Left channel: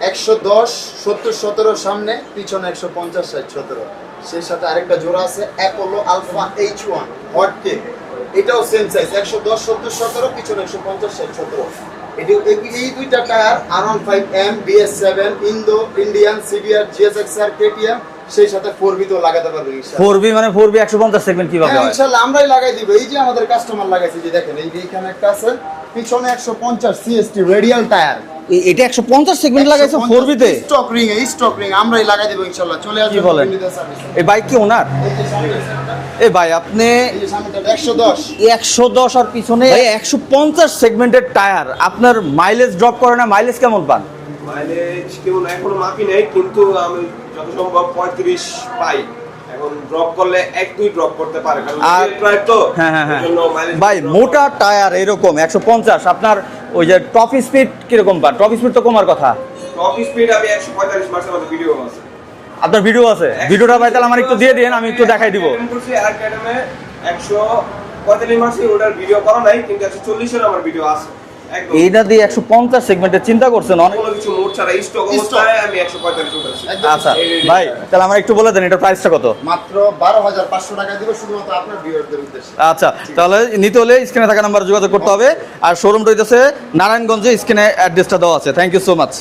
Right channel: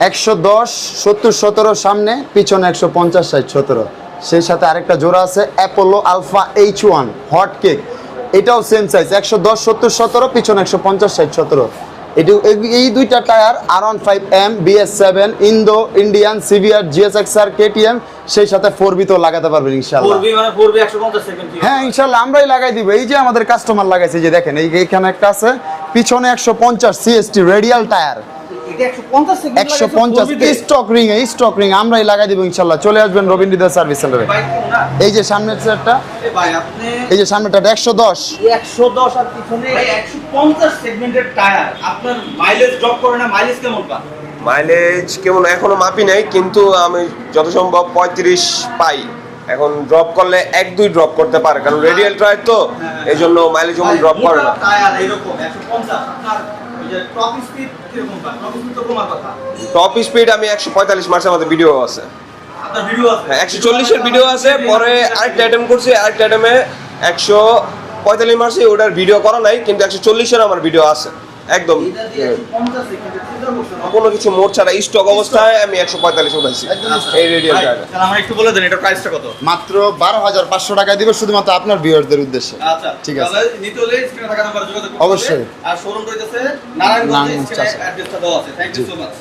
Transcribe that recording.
একশো দশ সত্তর সতেরো সামনে পিছনে একশো পঞ্চাশ ষাট সতেরো। সেই সাথে আরেকটা জোড়া আছে Apollo alpha H one hot cake এটাও সেম সাইজ একশো দশ সত্তর সতেরো পিছনে একশো পঞ্চাশ ষাট সতেরো। এটি এই- দুইটা tyre R one five M BS seven Indo Indian CVR GSX R KTM সেই সাথে ফোর বিতেও লাগাতে পারবেন ইনশাআল্লাহ। ফোর বি মানে ফোর বি একশো পঞ্চাশ সেগমেন্ট কীভাবে হ্যাঁ হয়? ইনশাআল্লাহ আমরাই লাগাই দিব। এই যে আমাদের কাস্টমার লাগাইছে যে দেখেন এই এখানে একটা আছে পিছনে একশো পঞ্চাশ সিএসটি রেডিয়াল টায়ার এটা একশো পঞ্চাশ সেগমেন্ট লাগাইছে স্টক রিং এ স্টক রিং আমরাই লাগাই দিব ইনশাআল্লাহ চলে আসবেন? রবীন্দ্র সার্ভিস সেন্টার এই কি ওনার? এই যে সামনের সেটটা এ ভাই আপনি এই যে সামনেটা একশো দশ। একশো দশ আর পিছনে একশো পঞ্চাশ সেগমেন্টের টায়ার আপনার মাইলেজ ড্রপ করে না মাইলেজ কেমন পান? মাইলেজ কেমন? এখনও মাপি নাই কিন্তু আমি যত সম্ভব পঁয়ত্রিশ পাই। এখন ড্রপ করলে এক দুই ড্রপ করতে পারে কারণ রেডিয়াল টায়ার তো হ্যাঁ, হ্যাঁ, এই জন্য মাইলেজ ড্রপ মোটা টায়ার এরকম একশো পঞ্চাশ আপনার ওই যে টপ স্পিড কীরকম পান টপ স্পিড তো কমার কথা। টপ স্পিড আমি একশো পঁয়তাল্লিশ মাসে আমাদের ভিডিও আছে। আপনার ভিডিও আছে? ভিডিও ভিডিও দিয়ে দিন আমি দেখাই দিব। আইটেম করছি আরেকটা আইটেমে একশো পঁয়তাল্লিশ মাসে ওটার ভিডিও করা নাই কিন্তু একশো চল্লিশের আমার ভিডিও আছে। একদম। এইটা দিয়ে 150 সেগমেন্টে চিন্তা করছেন অনেক। কিছু মোট ছাড়া স্টক অবস্থায় আমি একশো পঁয়তাল্লিশ উঠাইছি। আচ্ছা ভাই তাহলে আমার একটু বলে দেন এটার প্রাইসটা কত? মাত্র বারো হাজার পাঁচশো টাকা দিব শুধুমাত্র আপনার ভিউয়ারদের উদ্দেশ্যে। আচ্ছা তাহলে নিতে হলে স্ক্রিনে থাকা নাম্বারে যোগাযোগ করতে হবে। আর শোরুম রইতেছে নারায়ণগঞ্জে নারায়ণগঞ্জ স্ক্রিনে অ্যাড্রেসটা দেওয়া আছে। Thank you so much